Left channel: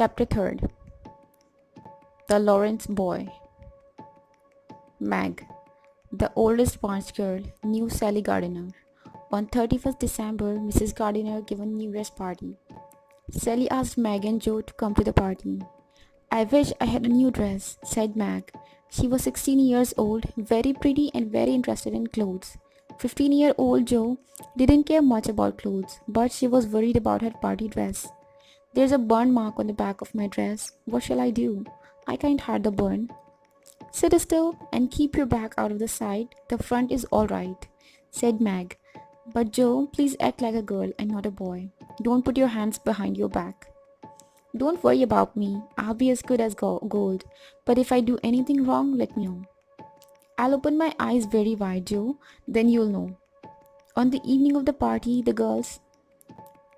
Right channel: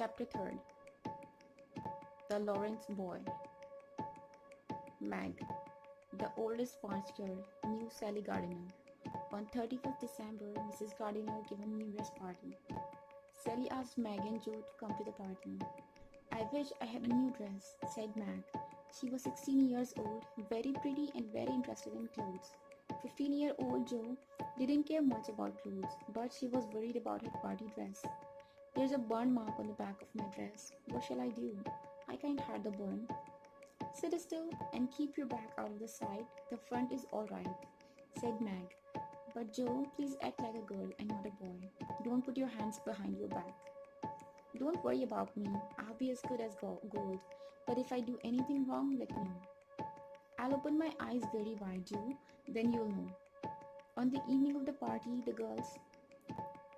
Chapter 3. The Lawrence Boy. Meg, the oldest March girl, knew Sally Gardiner. On 31st December, Mrs. Gardiner gave a New Year's party. Sally asked Meg and Joe to come to the party. "I wish I had a new dress," said Meg. She was 16 years old, very pretty and very interested in clothes. 15-year-old Joe didn't care much about clothes, but she was worried about her party dress. "There's a burn mark on the back of my dress. What shall I do? I can't hide the burn." "Sit still and keep your back out of the side. The front is all right," said Meg. "But Joe, please act like a girl and not a boy. Don't put your hands behind your back." "Don't worry about me. I'll be as good as gold. But if I do anything wrong, let me know." "I'll open my eyes very wide, Joe. Then you'll know." On the evening of the party, the girls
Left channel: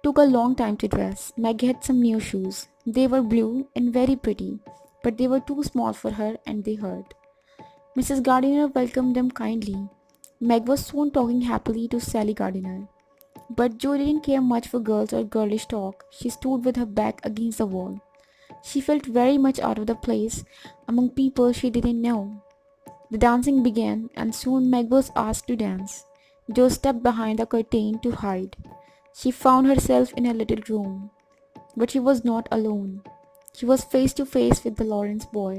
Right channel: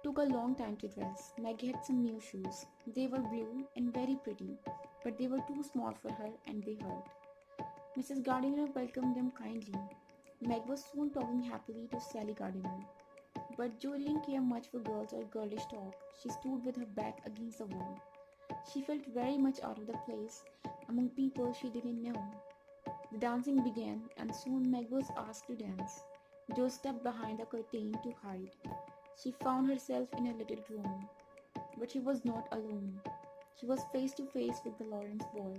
took a long time to dress. Meg had some new shoes. They were blue and very pretty, but they were too small for her and they hurt. Mrs. Gardiner welcomed them kindly. Meg was soon talking happily to Sally Gardiner. But Jo didn't care much for girls or girlish talk. She stood with her back against the wall. She felt very much out of the place among people she didn't know. The dancing began, and soon Meg was asked to dance. Jo stepped behind the curtain to hide. She found herself in a little room. But she was not alone. She was face to face with the Lawrence boy.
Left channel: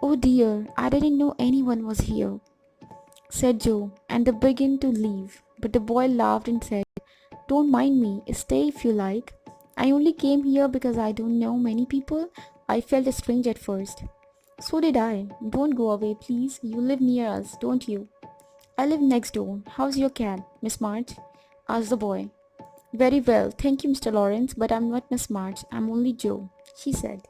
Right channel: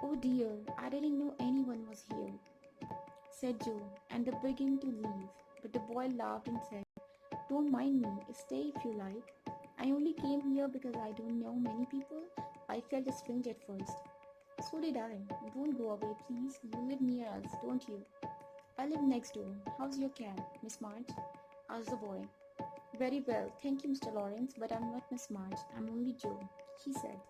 "Oh dear, I didn't know anyone was here," said Jo, and they began to leave. But the boy laughed and said, "Don't mind me, stay if you like. I only came here because I don't know many people. I felt strange at first." "So did I. Don't go away, please. You live near us, don't you?" "I live next door. How's your cat, Miss March?" asked the boy. "Very well, thank you, Mr. Lawrence, but I'm not Miss March. I'm only Joe," she said.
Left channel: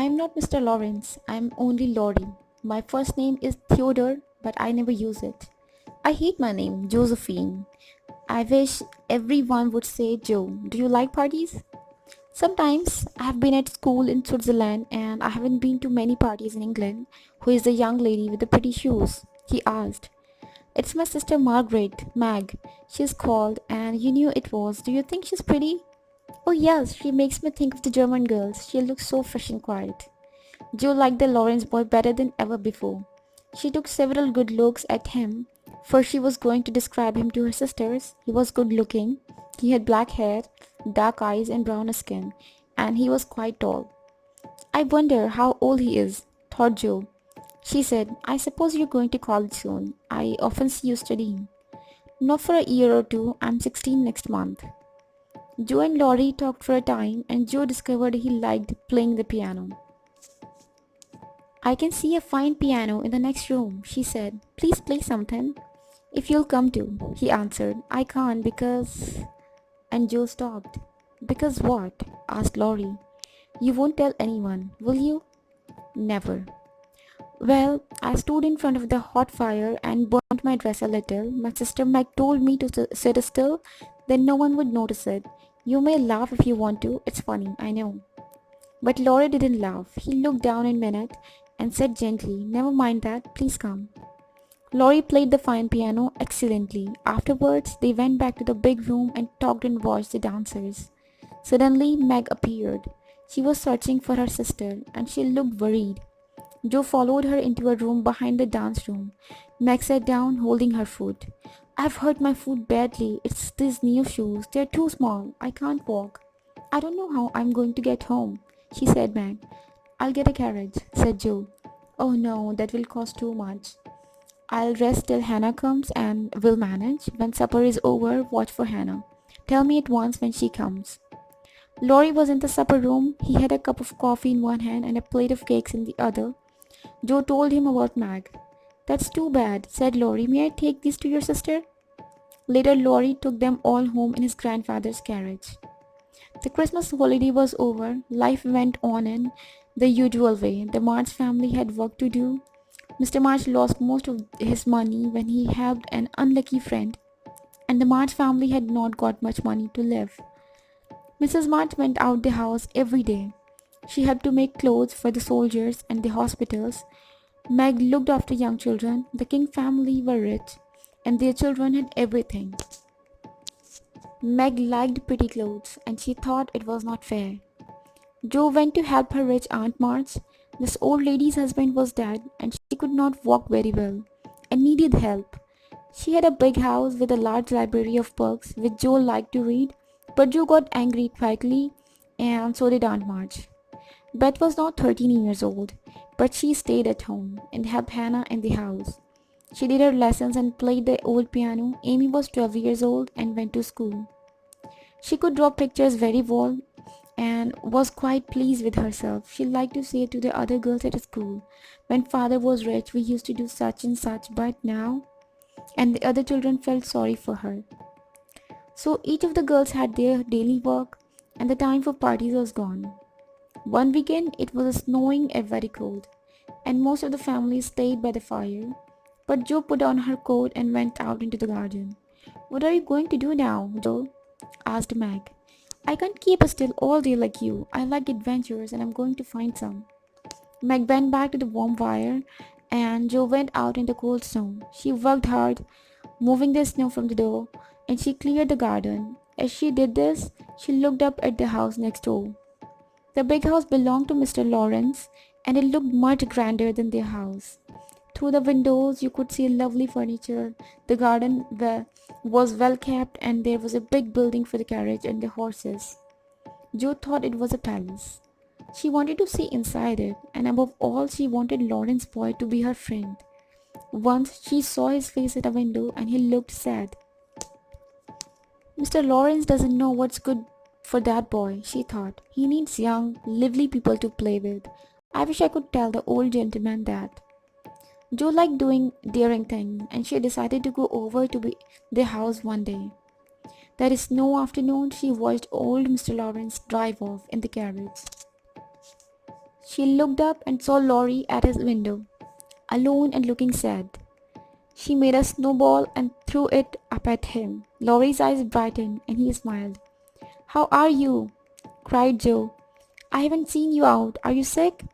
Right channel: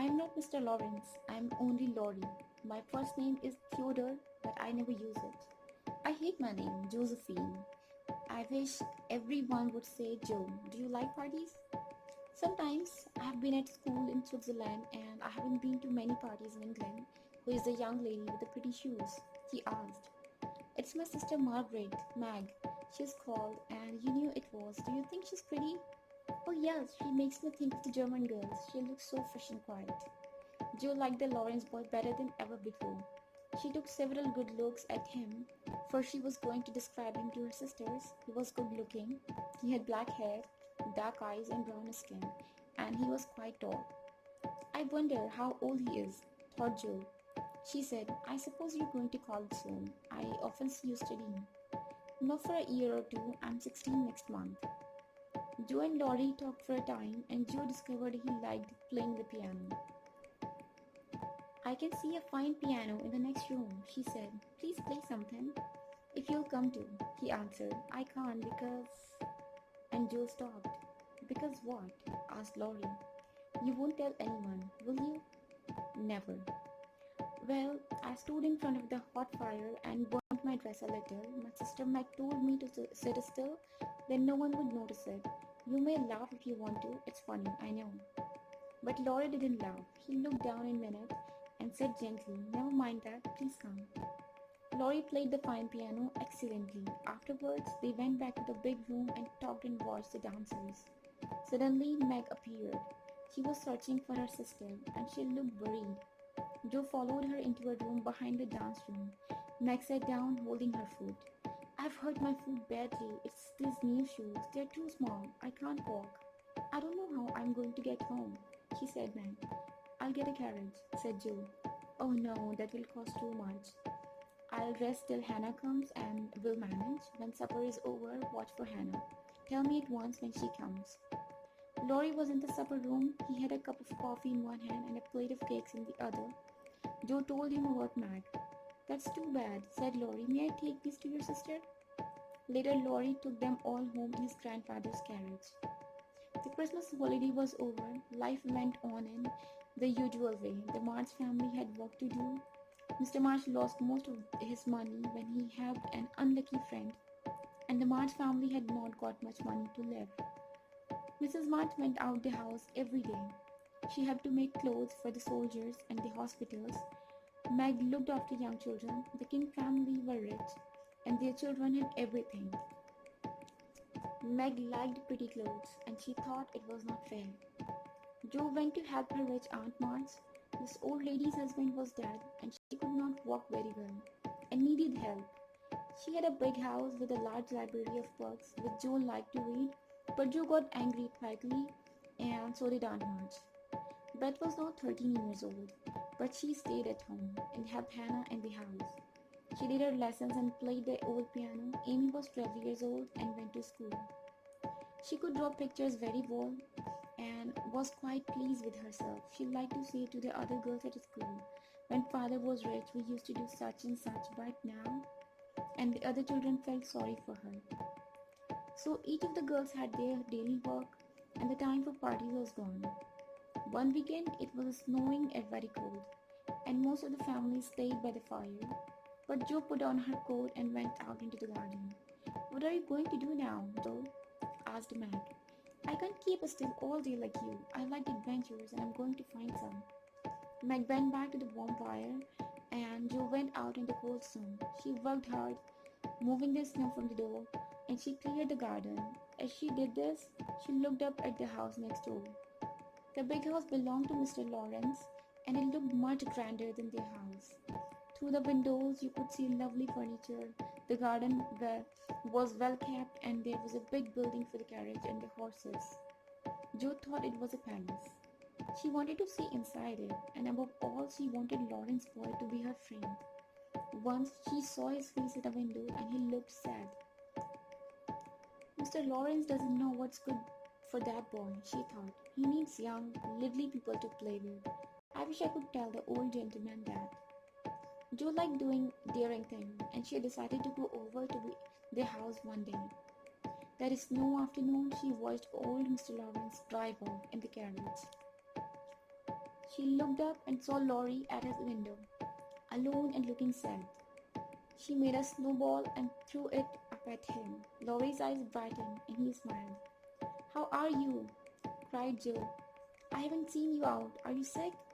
"I am not Mr. Lawrence. I am only Laurie. My first name is Theodore, but I never use it. I hate my name, Josephine. I wish everyone would say Joe. Do you like parties?" "Sometimes. I have been at school in Switzerland and I haven't been to many parties in England." "Who is the young lady with the pretty shoes?" he asked. "It's my sister Margaret, Mag. She's called, and you knew it was. Do you think she's pretty?" "Oh yes, she makes me think of the German girls. She looks so fresh and quiet." Joe liked the Lawrence boy better than ever before. She took several good looks at him, for she was going to describe him to her sisters. He was good looking. He had black hair, dark eyes, and brown skin, and he was quite tall. "I wonder how old he is," thought Joe. She said, "I suppose you're going to college soon. I often see you studying." "Not for a year or two. I'm 16 next month." Joe and Laurie talked for a time, and Joe discovered he liked playing the piano. "I can see a fine piano in the next room," she said. "Please play something." "If you'll come to," he answered. "I can't because—" And Joe stopped. "Because what?" asked Laurie. "You won't tell anyone, will you?" "Never." "Well, I stood in front of the hot fire and burnt my dress a little. My sister Meg told me to sit still, then no one would notice it. You may laugh if you want to. It's funny, I know." But Laurie didn't laugh. He looked down a minute and said gently, "Never mind that. Please come." Laurie played the fine piano excellently. Afterwards, they went back to the big room and talked and watched the dancers. Suddenly, Meg appeared. She was searching for her sister, and she looked worried. Joe followed her into a room behind the dance room. Meg sat down, holding her foot. "I've hurt my foot badly. It's these new shoes. They're too small. I can't walk. I don't know how I'm going to get home," she said. Meg. "I'll get a carriage," said Joe. "Oh no, that will cost too much." "I'll rest till Hannah comes and we'll manage. When supper is over, watch for Hannah. Tell me at once when she comes." Laurie was in the supper room. He had a cup of coffee in one hand and a plate of cakes in the other. Joe told him about Mag. "That's too bad," said Laurie. "May I take these to your sister?" Later, Laurie took them all home in his grandfather's carriage. The Christmas holiday was over. Life went on in the usual way. The March family had work to do. Mr. March lost most of his money when he helped an unlucky friend, and the March family had not got much money to live. Mrs. March went out the house every day. She helped to make clothes for the soldiers and the hospitals. Meg looked after young children. The King family were rich, and their children had everything. Meg liked pretty clothes and she thought it was not fair. Jo went to help her rich Aunt March. This old lady's husband was dead and she could not walk very well and needed help. She had a big house with a large library of books which Jo liked to read, but Jo got angry quickly and so did Aunt March. Beth was now 13 years old, but she stayed at home and helped Hannah in the house. She did her lessons and played the old piano. Amy was 12 years old and went to school. She could draw pictures very well and was quite pleased with herself. She liked to say to the other girls at school, "When father was rich, we used to do such and such, but now," and the other children felt sorry for her. So each of the girls had their daily work, and the time for parties was gone. One weekend it was snowing and very cold, and most of the family stayed by the fire. But Jo put on her coat and went out into the garden. "What are you going to do now, Jo?" asked Meg. "I can't keep still all day like you. I like adventures and I'm going to find some." Meg went back to the warm fire and Jo went out in the cold snow. She worked hard, moving the snow from the door, and she cleared the garden. As she did this, she looked up at the house next door. The big house belonged to Mr. Lawrence and it looked much grander than their house. Through the windows, you could see lovely furniture. The garden was well kept, and there was a big building for the carriage and the horses. Jo thought it was a palace. She wanted to see inside it, and above all, she wanted Lawrence boy to be her friend. Once she saw his face at a window, and he looked sad. "Mr. Lawrence doesn't know what's good for that boy," she thought. "He needs young, lively people to play with. I wish I could tell the old gentleman that." Jo liked doing daring things, and she decided to go over to the house one day. That snow afternoon, she watched old Mr. Lawrence drive off in the carriage. She looked up and saw Laurie at his window, alone and looking sad. She made a snowball and threw it up at him. Laurie's eyes brightened and he smiled. "How are you?" cried Jo. "I haven't seen you out. Are you sick?"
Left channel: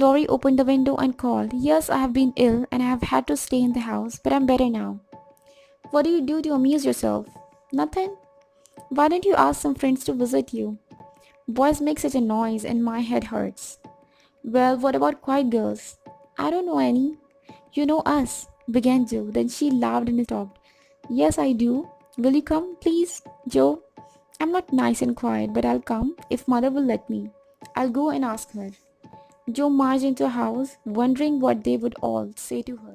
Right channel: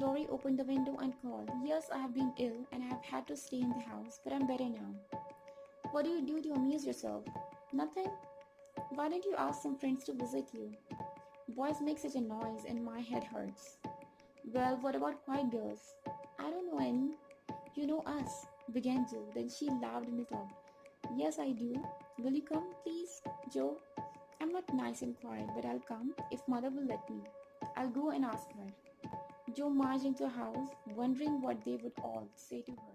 Laurie opened the window and called, "Yes, I have been ill and I have had to stay in the house, but I'm better now." "What do you do to amuse yourself?" "Nothing." "Why don't you ask some friends to visit you?" "Boys make such a noise and my head hurts." "Well, what about quiet girls?" "I don't know any." "You know us," began Jo. Then she laughed and stopped. "Yes, I do. Will you come, please, Jo? I'm not nice and quiet, but I'll come if mother will let me. I'll go and ask her." Jo marched into the house, wondering what they would all say to her.